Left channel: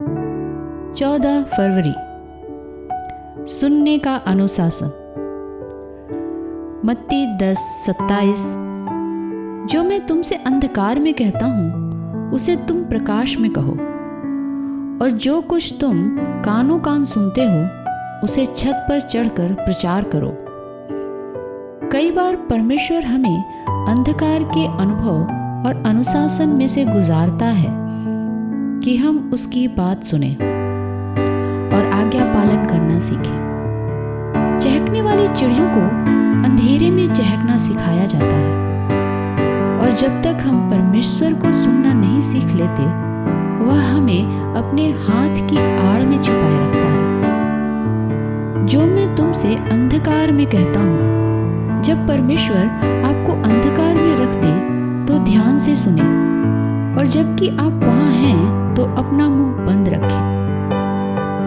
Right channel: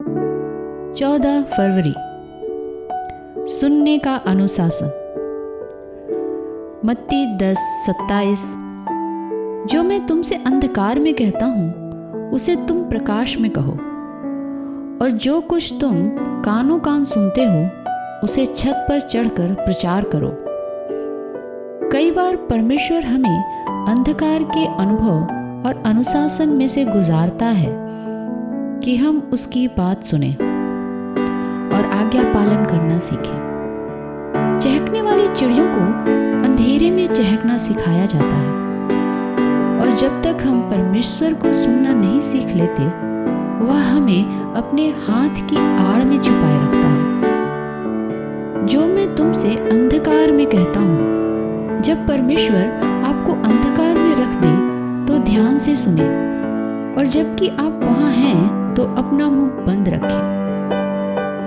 14 फरवरी। सुनने का अनुशासन। मत्ती 10:27। जो मैं तुमसे अंधकार में कहता हूँ उसे तुम प्रकाश में कहो, और जो कुछ तुम कानों कान सुनते हो उसे छत पर चढ़कर प्रचार करो। कई बार परमेश्वर हमें अंधकार के अनुभव और अनुशासन में से गुजारता है कि हम उसकी बात सुने और आज्ञा पालन करना सीखें। चहकने वाली चिड़ियों को अंधेरे में चहकना सिखाया जाता है, और जब तक हम परमेश्वर को सुनना नहीं सीख लेते, वह हमें अपने हाथ की आड़ में छुपाए रखता है। जो मैं तुमसे अंधकार में कहता हूँ, जब परमेश्वर आपको अंधकार में रख दे तो ध्यान से सुने, और जबकि आप वहाँ हैं तो अपना मुंह बंद रखें।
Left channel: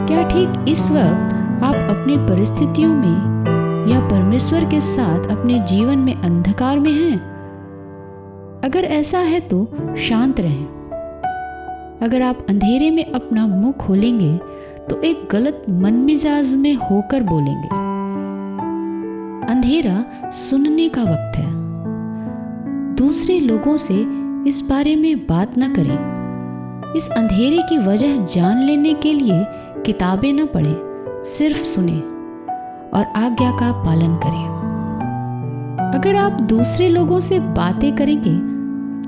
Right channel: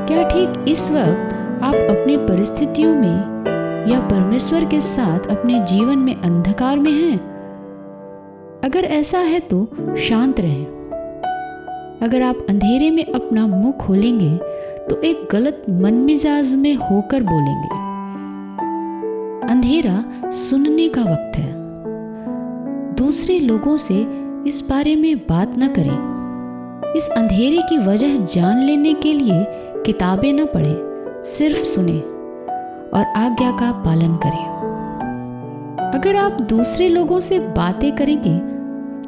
क्या ठीक इस वक्त आप अपनी परिस्थितियों में या परमेश्वर के साथ अपने जीवन में अंधकार में हैं? अगर ऐसा है तो शांत रहें। अगर आप अंधेरे में अपना मुंह खोलेंगे तो एक गलत मन मिजाज में होकर बोलेंगे। अंधेरा सुनने का वक्त है। दूसरे लोगों से इस बारे में बात न करें। इस अंधेरे की वजह जान लेने के लिए किताबें न पढ़ें, सिर्फ सुने और आज्ञा का पालन करें। अगर आप दूसरे लोगों से बातें करेंगे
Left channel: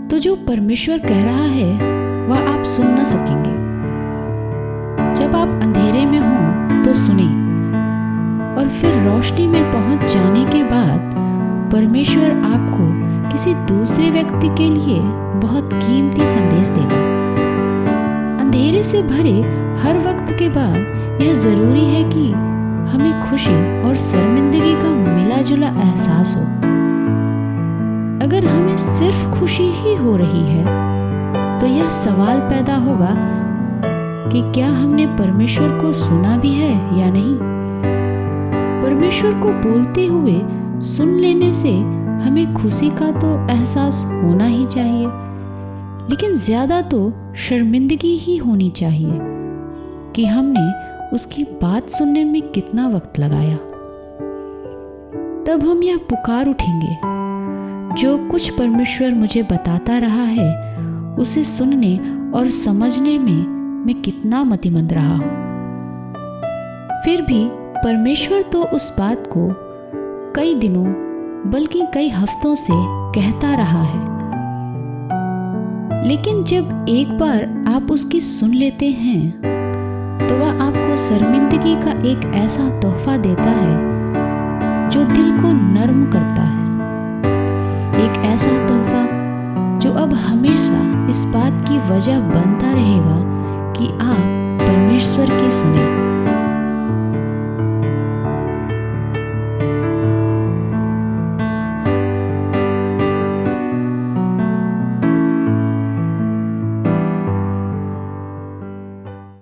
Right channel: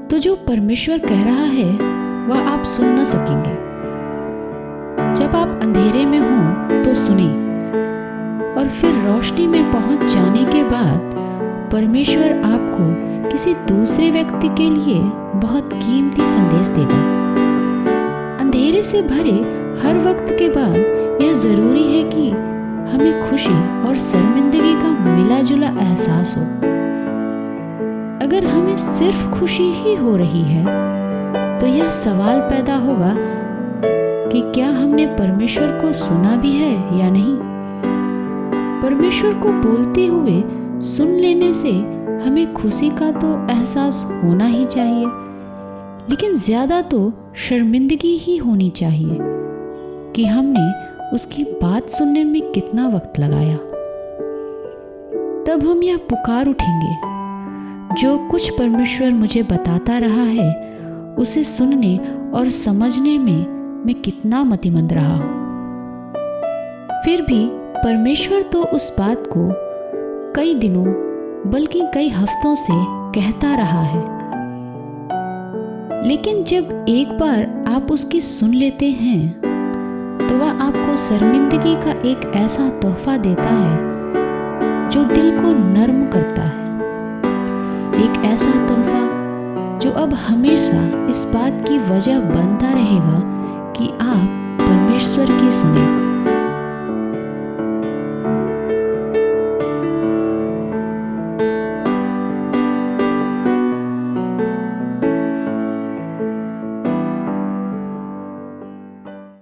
तो जो परमेश्वर कह रहा है वह आप सुन न सकेंगे। जब आप अंधेरे में हों तो सुने, और फिर रोशनी में पहुंच जाने के बाद परमेश्वर आपको किसी दूसरे व्यक्ति के लिए बहुत कीमती संदेश देगा। अंधेरे से भरे हर वक्त के बाद यह जरूरी है कि हमें खुशी और शर्मिंदगी का मिला जुला एहसास हो। अगर हमें सिर्फ खुशी ही हो रही है तो यह सवाल पैदा होगा कि क्या हमने परमेश्वर को सुना भी है या नहीं। परमेश्वर को बोलते हुए सुन लेने से हमें खुशी का तो एहसास होना ही चाहिए, लेकिन ज़्यादा तो शर्मिंदगी ही होनी चाहिए कि हमने उसकी बात सुनने में कितना वक्त लगाया। तब हम यह पुकार उठेंगे, जो कुछ परमेश्वर मुझे बताता रहा है उसे सुनने और समझने में मैं कितना मतिमंद रहा हूँ। फिर भी परमेश्वर तो उस बात को कई दिनों बल्कि कई हफ्तों से कहता रहा है, लेकिन जब एक बार आप उसकी सुन लेते हैं तो वह आपको शर्मिंदगी का एक ऐसा तोहफा देता है जो दिल को नर्म करता है। एक ऐसा तोहफा जो अब हमेशा इस बात की वजह बनता रहेगा कि आप परमेश्वर की सुने।